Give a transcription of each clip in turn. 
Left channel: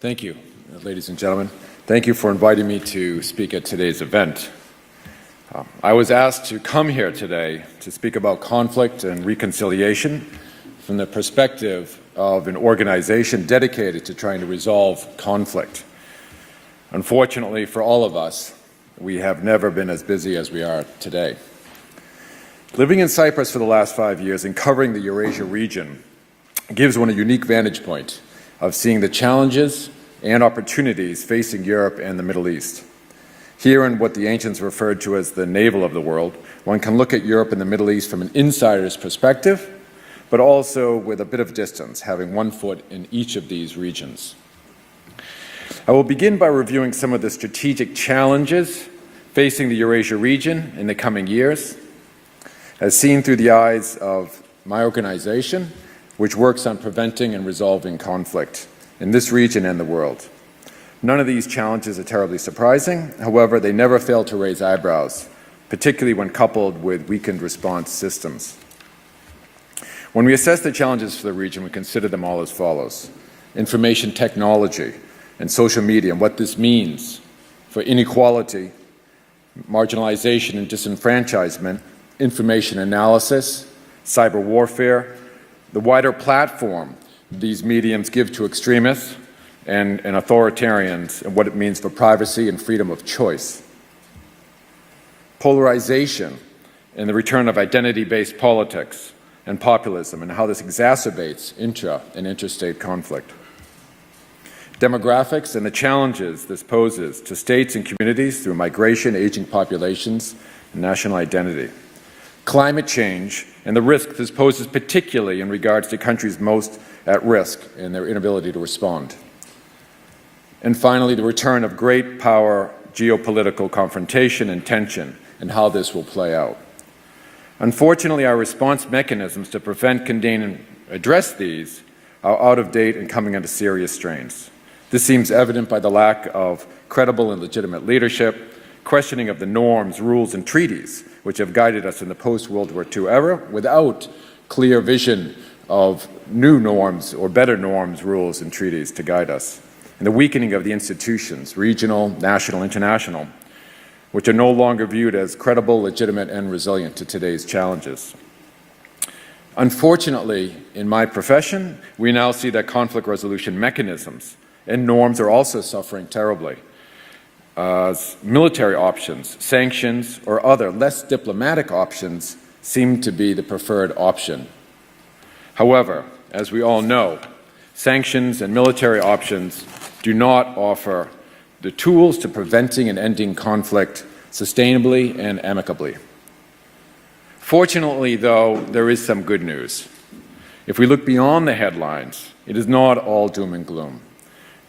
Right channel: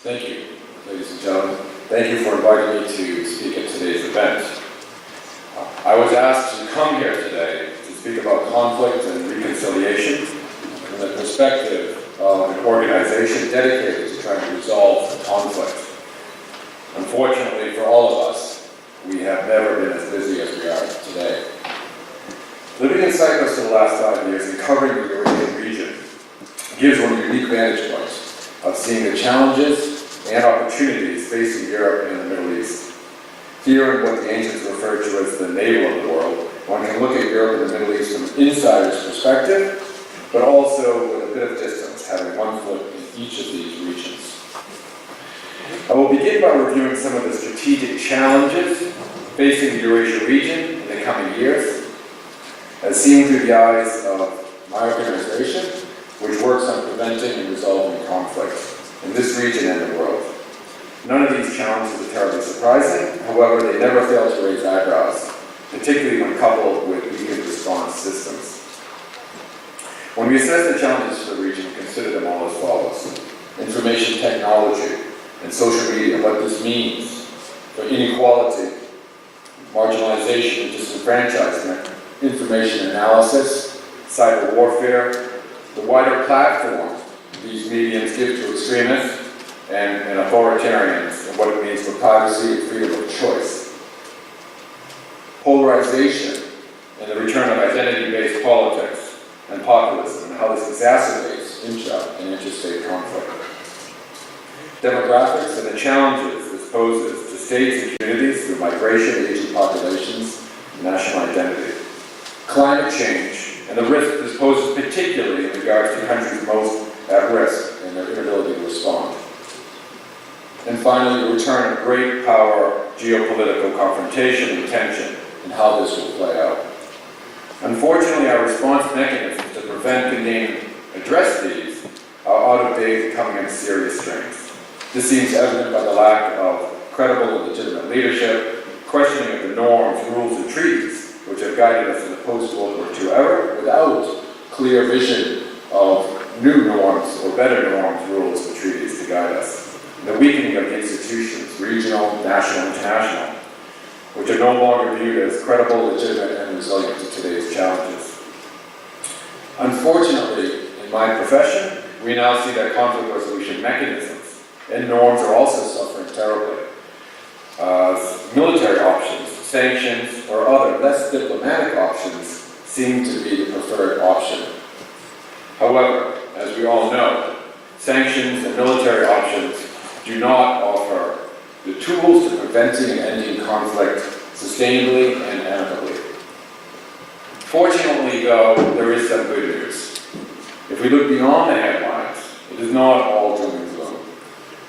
Thank you, ladies and gentlemen. Thank you for inviting me to speak at today's event. I was asked to come here today to speak about conflict and reconciliation from the perspective of an organization dedicated to trying to resolve conflict. Unfortunately for all of us, we have never been as busy as we are today. Living in Cyprus for the last 5 years and covering the Eurasia region gives one a unique vantage point of seeing the challenges and opportunities facing Europe and the Middle East. Here in what the ancients referred to as the navel of the world, one can look at Europe and the Middle East from an insider's perspective, but also with a bit of distance, having one foot in each of these regions. I will begin by reviewing some of the strategic challenges facing the Eurasia region in the coming years, as seen through the eyes of my organization, which works on preventing and resolving conflict in this region and the world. None of these challenges are terribly surprising. However, they never fail to raise eyebrows, particularly when coupled with weakened response systems. When we assess the challenges for the region, we consider them all as follows. Information technology and social media, and what this means for inequality, marginalization and disenfranchisement, information analysis, cyber warfare, the wider platform these mediums give to extremists and authoritarians, and what it means for privacy and freedom of choice. Polarization and the return of identity-based politics and populism, and how this exacerbates intra- and interstate conflict. Demographics and the challenges this poses to states and communities through migration, aging populations, and national identity. Climate change and the risk this poses, particularly in regards to countries most at risk and their inability to respond. And finally, the return of great power, geopolitical confrontation and tension, and how this will play out. Unfortunately, our response mechanisms to prevent, contain, and address these are out of date and coming into serious strains. This seems evident by the lack of credible and legitimate leadership, questioning of the norms, rules, and treaties which have guided us in the post-World War II era without clear vision of new norms or better norms, rules, and treaties to guide us. And the weakening of the institutions, regional, national, international, which are no longer viewed as credible, legitimate, and resilient to today's challenges. Unfortunately, in my profession, we now see that conflict resolution mechanisms and norms are also suffering terribly. Military options, sanctions, or other less diplomatic options seem to be the preferred option. However, as we all know, sanctions and military options do not offer the tools to preventing and ending conflict sustainably and amicably. Fortunately, though, there is some good news. If we look beyond the headlines, it is not all doom and gloom.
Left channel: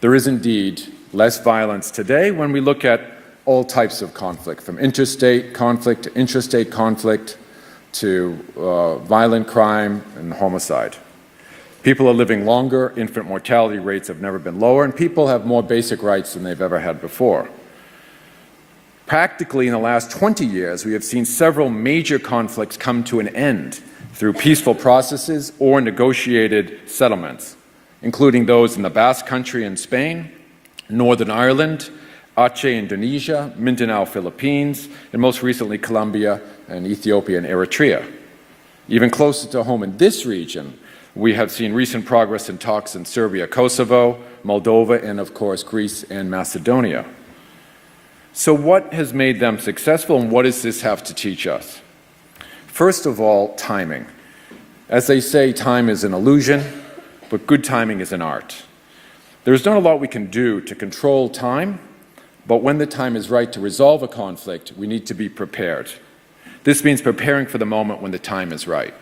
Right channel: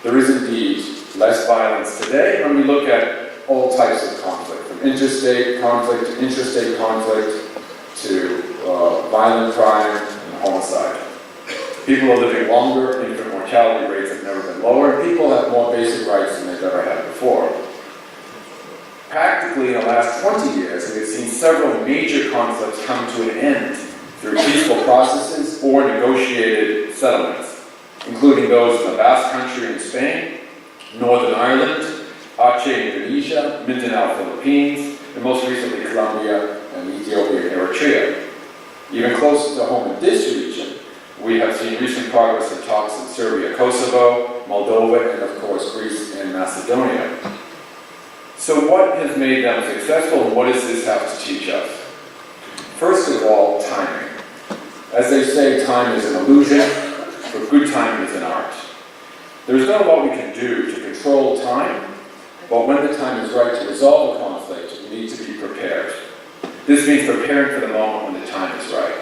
There is indeed less violence today when we look at all types of conflict, from interstate conflict to intrastate conflict to violent crime and homicide. People are living longer, infant mortality rates have never been lower, and people have more basic rights than they've ever had before. Practically in the last 20 years, we have seen several major conflicts come to an end through peaceful processes or negotiated settlements, including those in the Basque Country in Spain, Northern Ireland, Aceh, Indonesia, Mindanao, Philippines, and most recently Colombia and Ethiopia and Eritrea. Even closer to home in this region, we have seen recent progress in talks in Serbia, Kosovo, Moldova, and of course Greece and Macedonia. So what has made them successful, and what does this have to teach us? First of all, timing. As they say, time is an illusion, but good timing is an art. There's not a lot we can do to control time, but when the time is right to resolve a conflict, we need to be prepared. This means preparing for the moment when the time is right.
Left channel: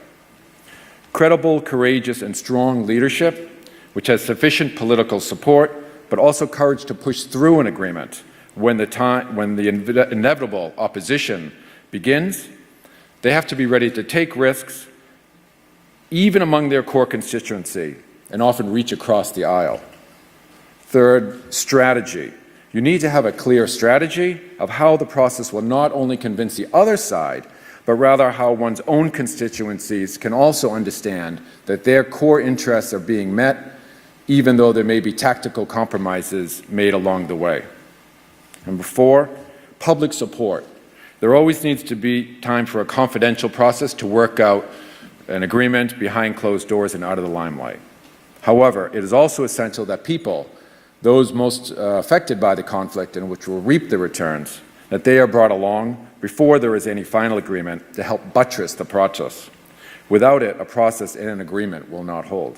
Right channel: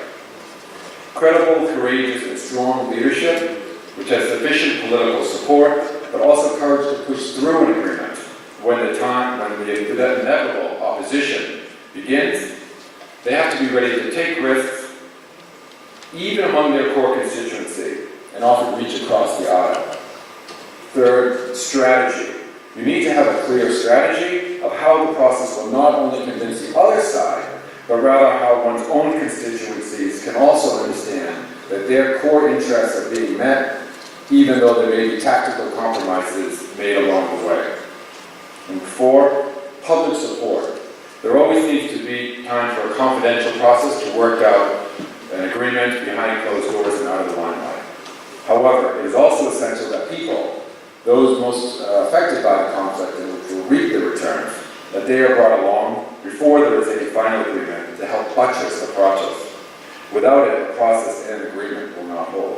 Credible, courageous, and strong leadership, which has sufficient political support, but also courage to push through an agreement when the inevitable opposition begins. They have to be ready to take risks, even among their core constituency, and often reach across the aisle. Third, strategy. You need to have a clear strategy of how the process will not only convince the other side, but rather how one's own constituencies can also understand that their core interests are being met even though there may be tactical compromises made along the way. Number 4, public support. There always needs to be time for a confidential process to work out an agreement behind closed doors and out of the limelight. However, it is also essential that people, those most affected by the conflict and which will reap the returns, that they are brought along before there is any final agreement to help buttress the process. Without it, a process and an agreement will not hold.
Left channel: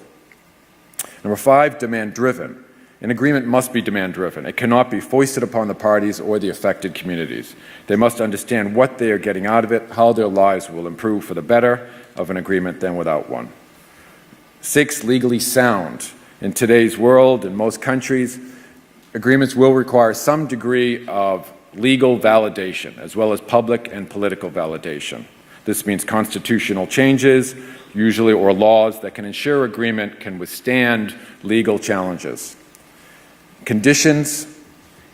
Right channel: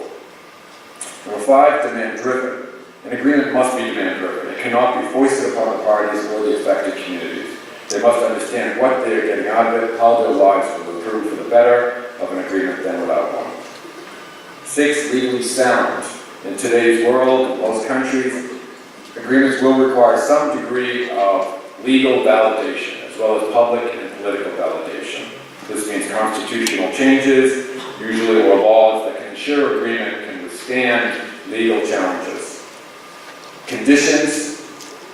Number 5, demand-driven. An agreement must be demand-driven. It cannot be foisted upon the parties or the affected communities. They must understand what they are getting out of it, how their lives will improve for the better of an agreement than without one. 6, legally sound. In today's world, in most countries, agreements will require some degree of legal validation, as well as public and political validation. This means constitutional changes, usually, or laws that can ensure agreement can withstand legal challenges. Conditions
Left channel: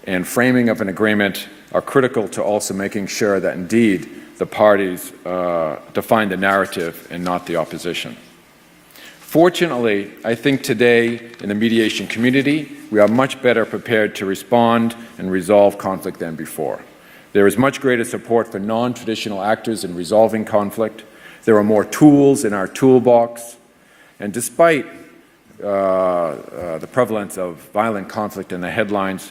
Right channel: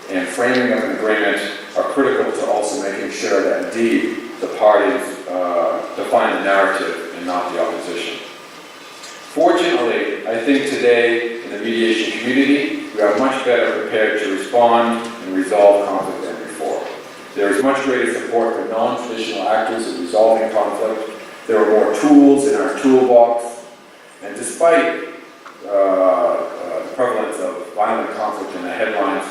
and framing of an agreement are critical to also making sure that indeed the parties define the narrative and not the opposition. Fortunately, I think today in the mediation community, we are much better prepared to respond and resolve conflict than before. There is much greater support for non-traditional actors in resolving conflict. There are more tools in our toolbox. And despite the prevalence of violent conflict in the headlines,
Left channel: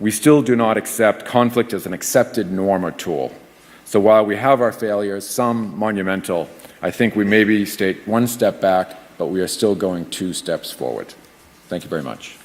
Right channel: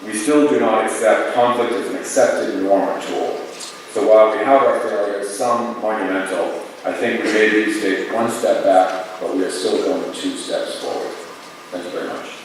we still do not accept conflict as an accepted norm or tool. So while we have our failures, some monumental, I think we maybe take one step back, but we are still going 2 steps forward. Thank you very much.